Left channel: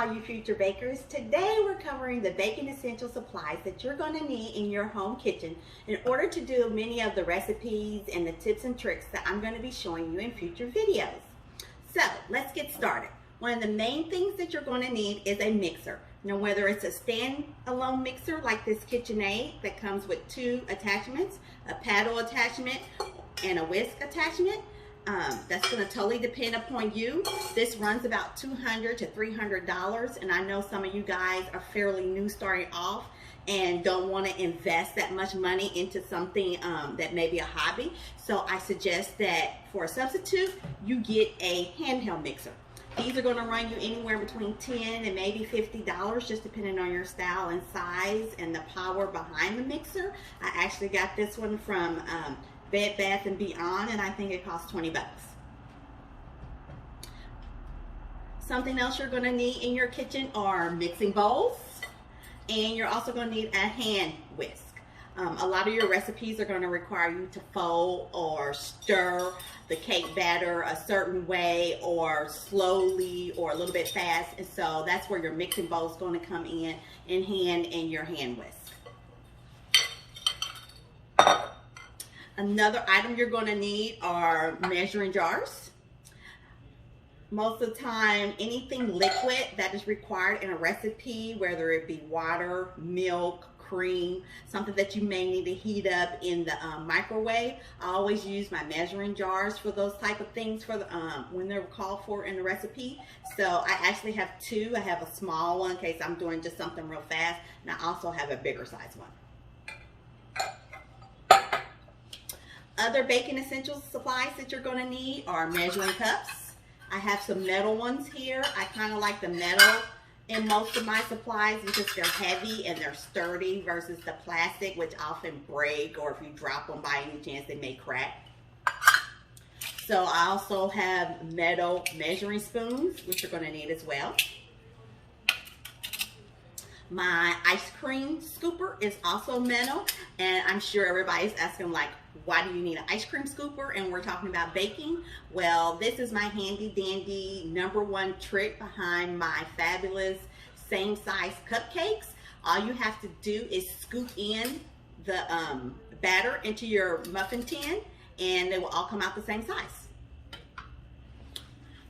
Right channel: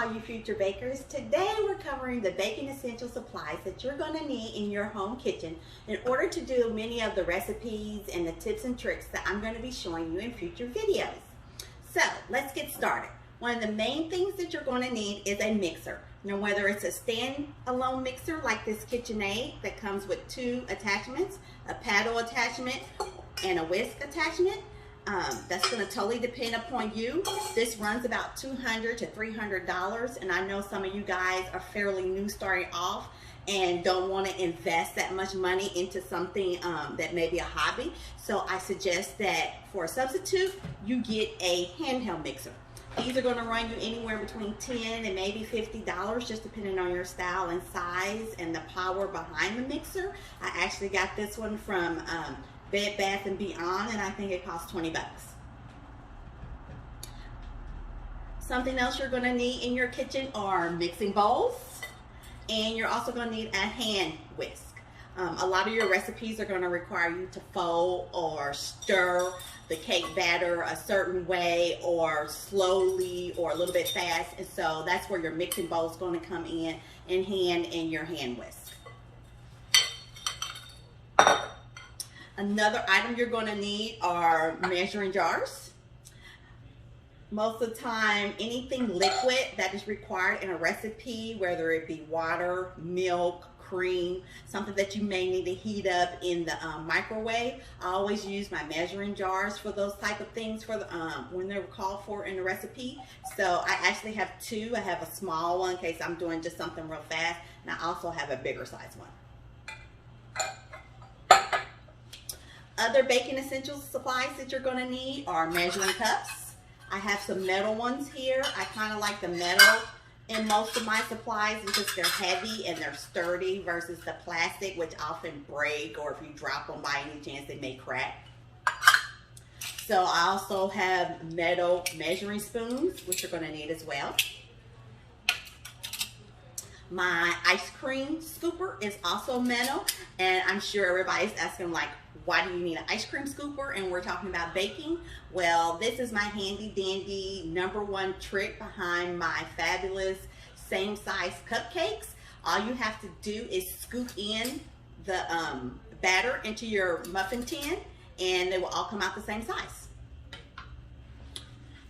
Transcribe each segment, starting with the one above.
all you future bakers. Today we're covering the baking essential supplies that you're going to need in your home kitchen in order to do many of the recipes and the tips and tricks that I'm going to be showing you in future videos. So let's get started. One of the main things that you're going to need is a mixer. Now, whether it's a stand-alone mixer like this Kitchenaid that comes with two attachments, a paddle attachment and a whisk attachment, that's going to totally depend upon you. This runs about $200 to $300, and I know some of you guys are fairly new starting off and don't want to invest that much money into something that may be a hobby. So I suggest that for a substitute, you get a handheld mixer. These are going to run you anywhere between $10 and maybe $50, just depending on your style and size and the power behind the mixer. I actually got this one from Bed Bath & Beyond, and I think it costs 20 bucks. Something else you're going to need in your kitchen are mixing bowls, and you're also going to need a hand whisk. A lot of your recipes are going to require you to fold or stir the cake batter a certain way, or slowly, or a little bit fast, and so that's where your mixing bowl is going to come in hand and your hand whisk. Another item you're going to need are measuring jars. Most of the time, anything liquid that is required in a recipe, whether it be water, milk, cream, something that you may need to heat up in the microwave, I always use my measuring jars for those type of things for the, when they're called for in the recipe. So I actually have two. I have a small one in case I'm doing just something real fast, and I also have a bigger size one. Other baking essentials supplies that you're going to need are measuring cups. I have some metal ones here. I kind of like the metal in most of my supplies because they're heavy and they're sturdy versus the plastic, which often break, or if you drop them by any chance, they may crack. So I also have metal measuring spoons, which you're going to need as well. My ice cream scooper is also metal, and I'm sure everybody's asking, like, why do you need an ice cream scooper? And we're talking about baking. Well, this is my handy dandy #1 trick behind my fabulous same size cupcakes. All you have to do is scoop in the batter into your muffin tin, and they will all come out the same size.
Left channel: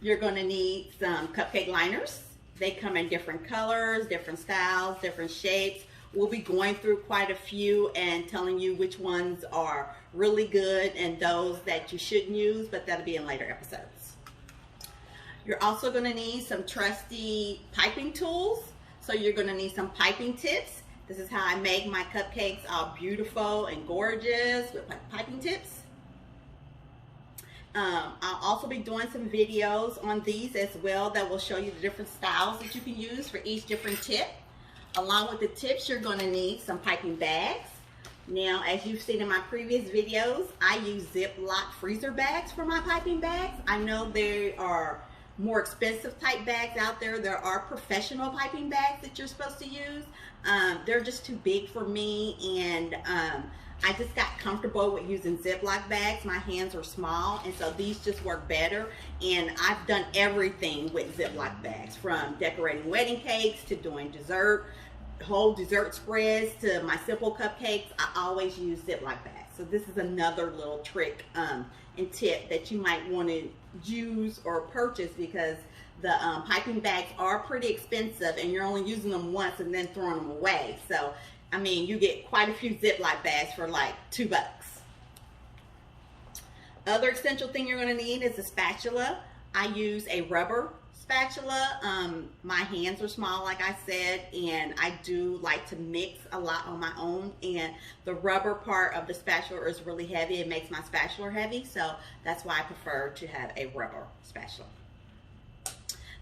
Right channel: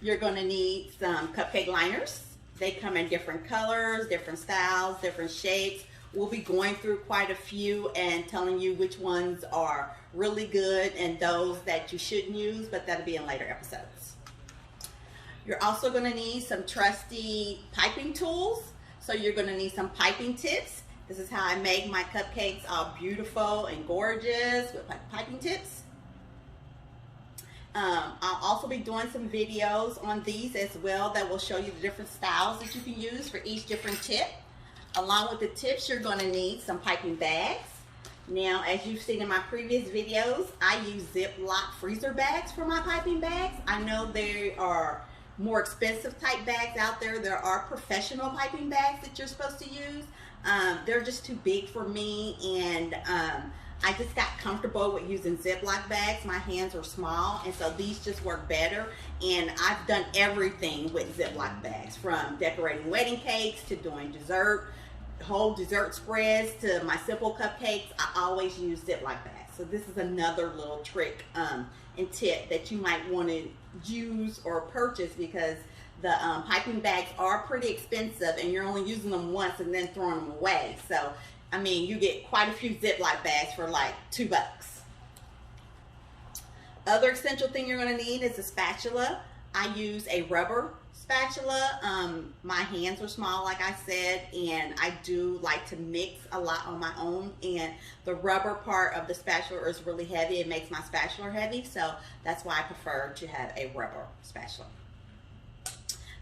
You're going to need some cupcake liners. They come in different colors, different styles, different shapes. We'll be going through quite a few and telling you which ones are really good and those that you shouldn't use, but that'll be in later episodes. You're also going to need some trusty piping tools. So you're going to need some piping tips. This is how I make my cupcakes all beautiful and gorgeous with my piping tips. I'll also be doing some videos on these as well that will show you the different styles that you can use for each different tip. Along with the tips, you're going to need some piping bags. Now, as you've seen in my previous videos, I use Ziploc freezer bags for my piping bags. I know there are more expensive type bags out there. There are professional piping bags that you're supposed to use. They're just too big for me, and I just got comfortable with using Ziploc bags. My hands are small, and so these just work better. And I've done everything with Ziploc bags, from decorating wedding cakes to doing dessert, whole dessert spreads to my simple cupcakes. I always use Ziploc bags. So this is another little trick and tip that you might want to use or purchase, because the piping bags are pretty expensive and you're only using them once and then throwing them away. So, I mean, you get quite a few Ziploc bags for like $2. Other essential thing you're going to need is a spatula. I use a rubber spatula. My hands are small, like I said, and I do like to mix a lot on my own, and the rubber part of the spatula is really heavy. It makes my spatula heavy, so that's why I prefer to have a rubber spatula.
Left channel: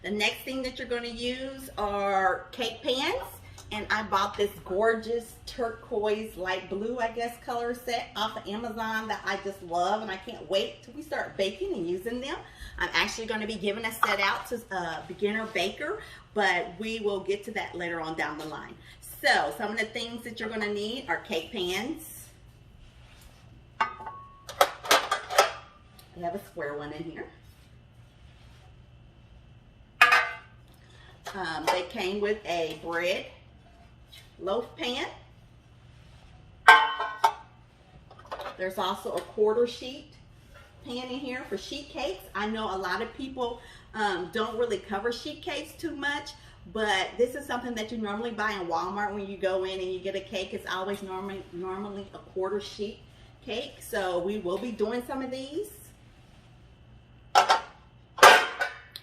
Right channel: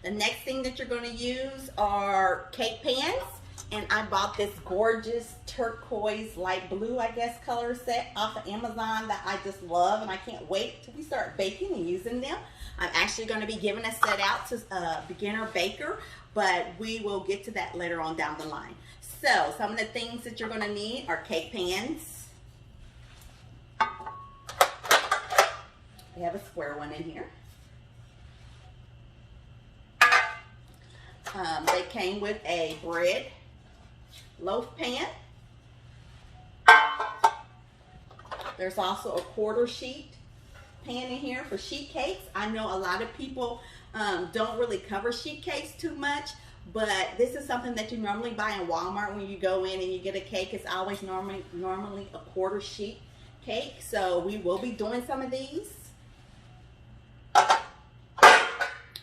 The next thing that you're going to use are cake pans, and I bought this gorgeous turquoise light blue, I guess, color set off of Amazon that I just love, and I can't wait till we start baking and using them. I'm actually going to be giving a set out to a beginner baker, but we will get to that later on down the line. So some of the things that you're going to need are cake pans. We have a square one in here. They came with a bread loaf pan. There's also a quarter sheet pan in here for sheet cakes. I know a lot of people don't really cover sheet cakes too much, but this is something that you normally buy in Walmart when you go in and you get a cake. It's always normally a quarter sheet cake. So we will be doing some of these.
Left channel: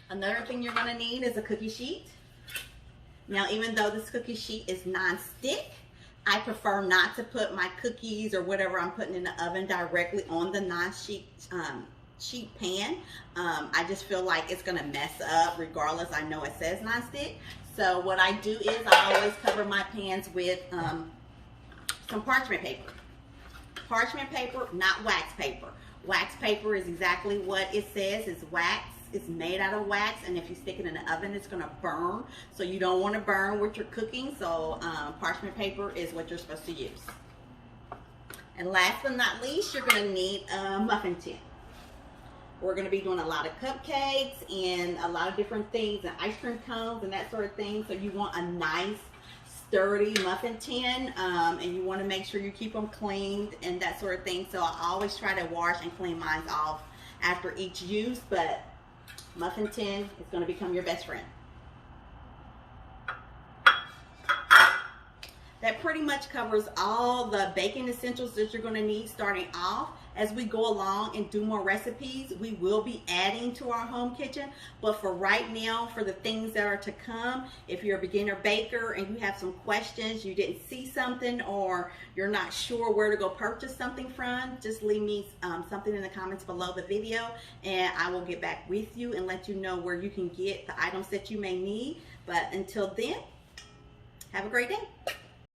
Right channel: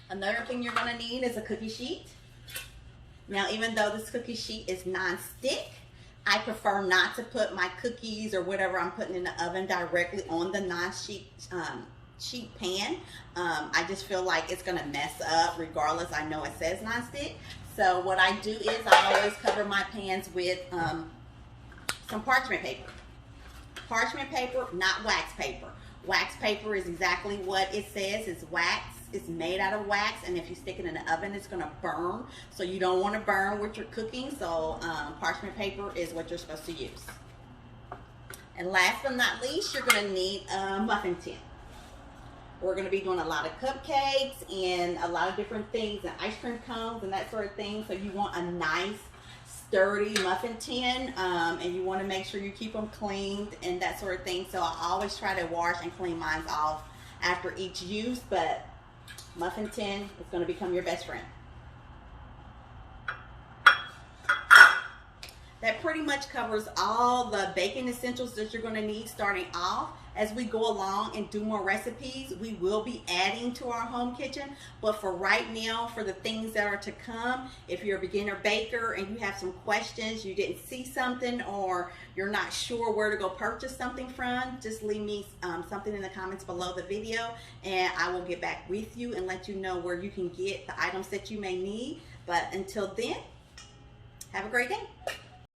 Another thing you're going to need is a cookie sheet. Now, even though this cookie sheet is non-stick, I prefer not to put my cookies or whatever I'm putting in the oven directly on the non-sheet sheet pan. I just feel like it's going to mess up regardless. I know it says non-stick. So what I do is I always cover my pans with some parchment paper. Parchment paper, not wax paper. Wax paper is exactly what it says. It's wax. It's made out of wax, and if you stick it in the oven, it's going to burn. So you don't want to burn with your cooking. So parchment paper is what you're supposed to use. And last but not least, you're going to need a muffin tin. We're going to be doing a lot of cupcakes and a lot of different things, and ice cream cones and that sort of thing. So you want a nice, sturdy muffin tin, and you want to make sure you keep them cleaned and that sort of thing. So I always try to wash and clean mine off after each use, but muffin tin is going to become your best friend. That pretty much covers all the baking essentials that you're going to need starting off. As we go along and do more recipes, we will be adding to our home kitchen. But for right now, for the things that are to come, if you're a beginner baker and you have some questions, you didn't see something, or you're not sure where to go purchase something from, just leave me something in the comments below the video, and I will get back with you and let you know where you can get the items that you may need. But until then, have a great day.